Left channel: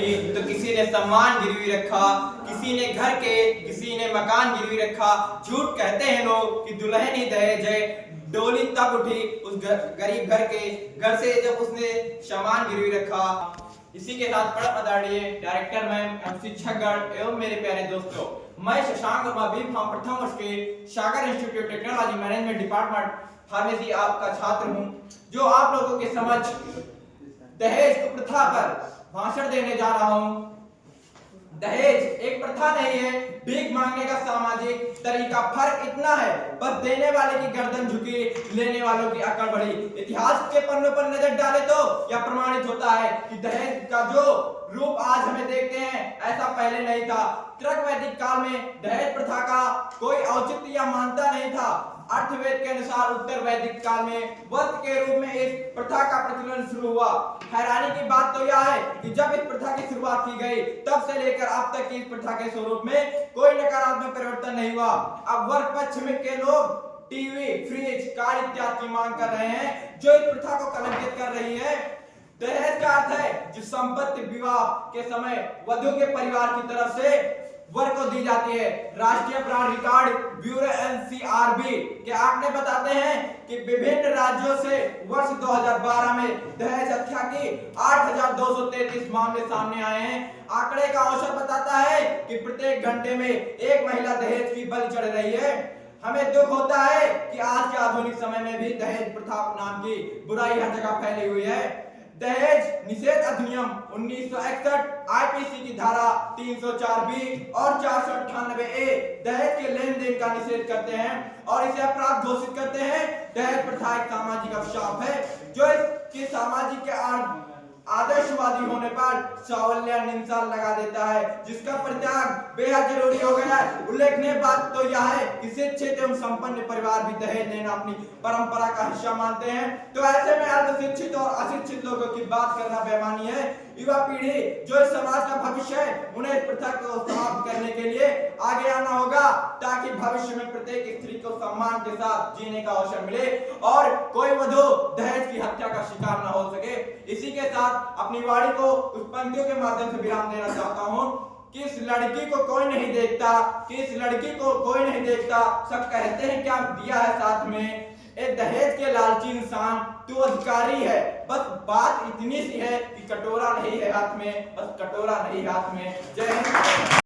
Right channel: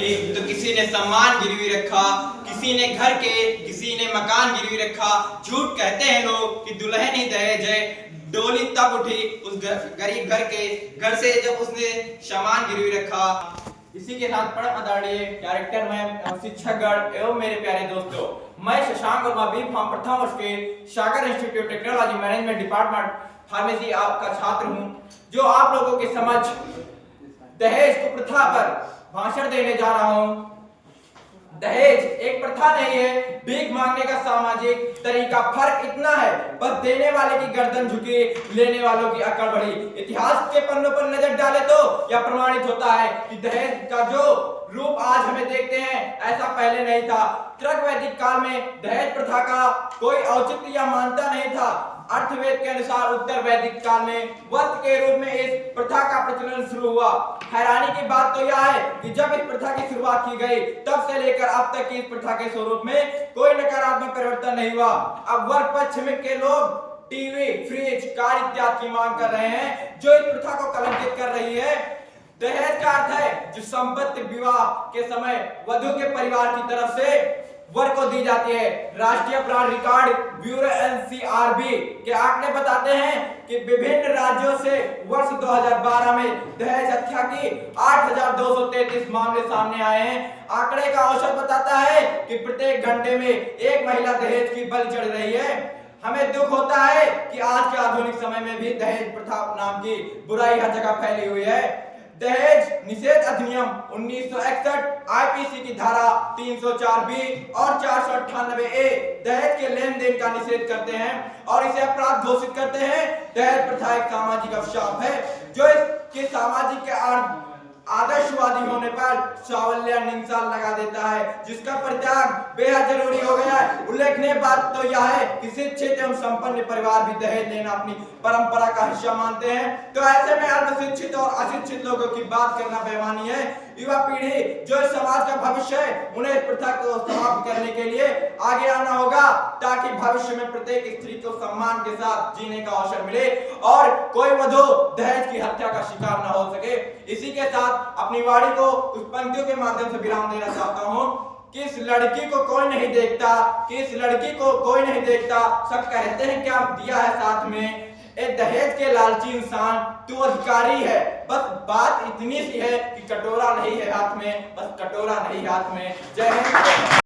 उठी तो किसी ने सम्मान गिरवी रखा, किसी ने घर के, किसी ने मकान गिरवी रखा। झूठ कहते हैं लोग कि दुल्हन ही दहेज है। डोली तब उठी उस गरीब घर के घर से जब उसने सामान गिरवी रखा। इसी के साथ परम आदरणीय डायरेक्टर मैम एवं शिक्षकगण एवं मेरे प्यारे दोस्तों, मैं शशांक वर्मा बी फार्म प्रथम वर्ष के Sagar institute technology management department pharmacy आपका छात्र हूं, जो आप लोगों के समक्ष दहेज कुप्रथा पर भाषण देने जा रहा हूं। दहेज एक प्रथा नहीं है, भीख मांगने का सामाजिक तरीका। फर्क इतना है बस देने वाले की गर्दन झुकी, लेने वालों की अकड़ बढ़ी। इतिहास के पन्नों पर नजर डाले तो यह प्रमाणित होता है कि दहेज का जो रूप आज हमें देखते हैं ऐसा पहले नहीं था। त्रक वैदिक काल में दहेज प्रथा का कोई औचित्य या मान्यता नहीं था। अर्थवेद के अनुसार उत्तर वैदिक काल में वस्त्र के रूप में इस प्रथा का प्रचलन शुरू हुआ। हैरानी की बात तो यह है कि जब इस प्रथा की शुरुआत की गई तब से लेकर अब तक इस प्रथा के स्वरूप में कोई नकारात्मक परिवर्तन नहीं हुआ। अब वर्ग पक्ष में के लोग टीवी, फ्रिज, कार इत्यादि की मांग कर रहे हैं जो इस प्रथा को कलंकित कर रही है। दहेज का अर्थ है जो संपत्ति विवाह के समय वधु के परिवार की तरफ से वर को दी जाती है। राष्ट्रीय अपराध रिकॉर्ड ब्यूरो एनसीआरबी के आंकड़े बताते हैं कि विभिन्न राज्यों से वर्ष 2012 में दहेज हत्या की 8,233 मामले सामने आए हैं। आंकड़े का औसत बताता है कि प्रत्येक घंटे में एक महिला दहेज की बलि चढ़ रही है। हमें दुख होता है कि आज के आधुनिक समय में भी दहेज प्रथा नाम की बुराई हर जगह फैली हुई है। दहेज निषेध अधिनियम 1961 आईपीसी की धारा 304B और 498A दहेज के लेन देन का निषेध करते हैं और इसे अपराध घोषित करते हैं। दहेज प्रथा एक सामाजिक अभिशाप है जो इसके सामाजिक के आदर्शवादी होने पर सावल्य निंदा लगा देता है, जिसका परित्याग बेहद जरूरी हो गया है। उल्लेखनीय बात तो यह है कि शिक्षित एवं संपन्न परिवार भी दहेज लेना अपनी परंपरा का हिस्सा मानते हैं। तो ऐसे में अल्पशिक्षित और अशिक्षित लोगों की बात करना बेईमानी है। युवा पीढ़ी जो इस समाज का भविष्य है, उन्हें इस प्रथा को समाप्त करने के लिए आगे आना होगा ताकि भविष्य में प्रत्येक स्त्री को सम्मान के साथ जीने का अवसर मिले और कोई वधु दहेज की हत्या का शिकार न हो सके। इसी के साथ अपनी वाणी को उस पंक्तियों के माध्यम से विराम देना चाहता हूं कि इस लड़की को कोई नहीं देखता, कि इस लड़की को कोई नहीं देखता, सब कहते हैं क्या दिया है साथ में। ए दहेज के लालची इंसान तू अधिकारी है, बस बात इतनी सी है कि कटोरा नहीं है हाथ में, बस कटोरा नहीं हाथ में। जय हिंद।